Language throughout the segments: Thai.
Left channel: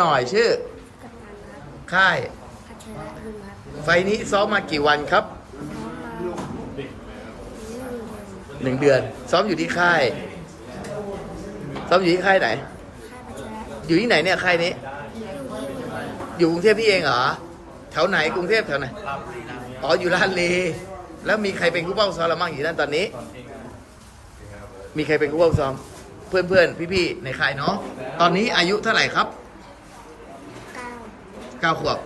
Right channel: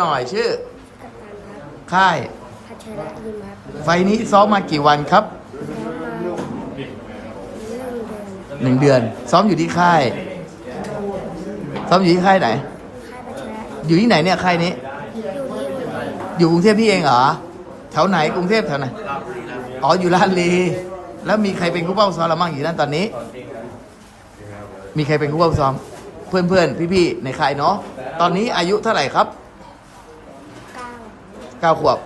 หน่อยชื่อ กัปตันครับค่าย พัชระยิมครับไฟล์นี้ซ้อมมากี่วันครับน้องมาหนึ่งเดือนหนึ่งเดือน ซ้อมอยู่ที่ค่าย ซ้อมอยู่ที่ค่ายไหน ค่ายพัชระอยู่ที่ไหนเนี่ยค่ายนี้ อยู่ที่อยู่กรุงเทพพี่เองเหรอ แถวไหนกรุงเทพแถวไหน อ๋ออยู่ลาดลีแล้วมีใครเป็นคู่เป้าซ้อมเราบ้างอยู่นั่นตอนนี้ มีใครเป็นคู่เป้าซ้อม เพื่อนเพื่อนพี่พี่ๆ ในค่ายเนาะ ตอนนี้อายุเท่าไหร่ครับเก้า เก้าขวบ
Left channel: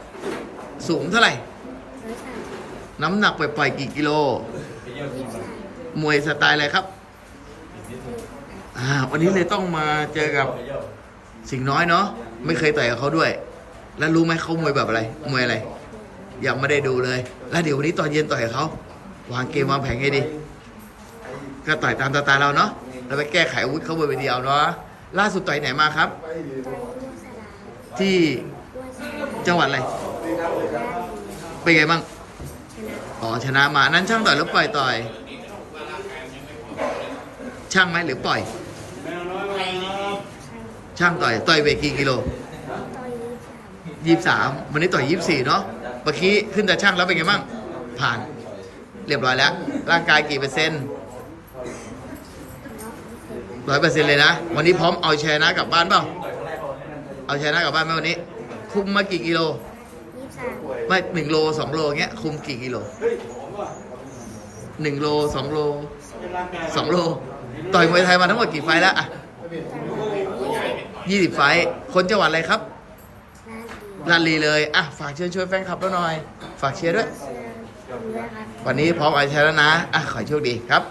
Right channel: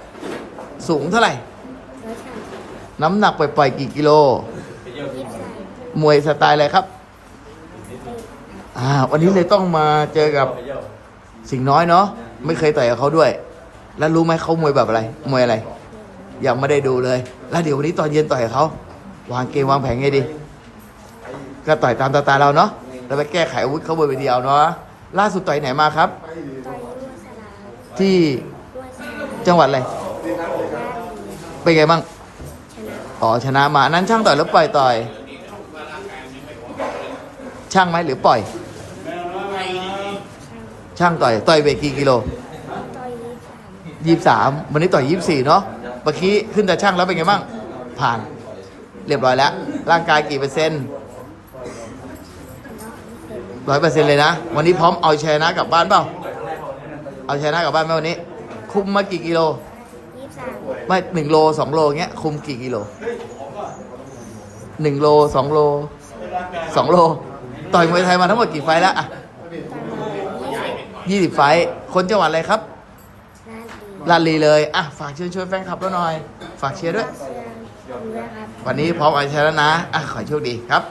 สูงเท่าไหร่ ร้อยสามน้ำหนักปล่อยๆกี่กิโล ยี่สิบสามมวยสไตล์อะไรครับ อ่า วันนี้เลยต้องมาเจอกับสิงห์น้อยเนาะ ไม่เคยต่อยกับเขาด้วย แล้วรู้ไหมเขามวยแบบอะไร มวยอะไร ยังไม่ได้ดูเลย แล้วเดี๋ยววันนี้ตอนเย็นต่อยกับเขา วางเกมวางแผนไงดี ก็ต่อยตามตาตาเราเนาะ แล้วไปแก้ไขอาวุธเขาบนเวทีเอาเนาะ ล่าสุดต่อยไหนมาครับ ตอนนี้วัวสลาครับที่วัวสลา จังหวัดอะไรด้านดีเป็นไงบ้างชนะอ๋อชนะมานั้นช่างต่อยหรือปล่อยต่อย ช่างไหมหรือปล่อย ช่างต่อยต่อยเวทกี่กิโลยี่สิบสามวันนี้ต่อยยี่สี่เนาะเมื่อกี้ขึ้นแต่ช่างแล้วเป็นไงบ้างผ่าน เรียบร้อยแล้ว ร่างกายกี่เปอร์เซ็นต์ร้อยเปอร์เซ็นต์เลยนะ วันนี้พร้อมเอาชนะกลับบ้านเปล่า เอาชนะกลับบ้านไหมวันนี้ คุมมากี่กิโลยี่สิบสามไม่หนึ่งโลสองโลเงี้ย คุมกี่กิโลหนึ่งโลสองโลสองโล ต่อยมวยไทยมาทั้งหมดกี่ไฟล์แล้วอะต่อยมายี่สิบยี่สิบไฟล์คนจังหวัดอะไรครับด้านดีลาดลีเลยอะฝากเชิญชวนแฟนคลับเราหน่อย ฝากเชียร์ด้วยเสื้อผมด้วยครับวันนี้พร้อมเอาชยแล้วนะอะขอให้โชคดีครับ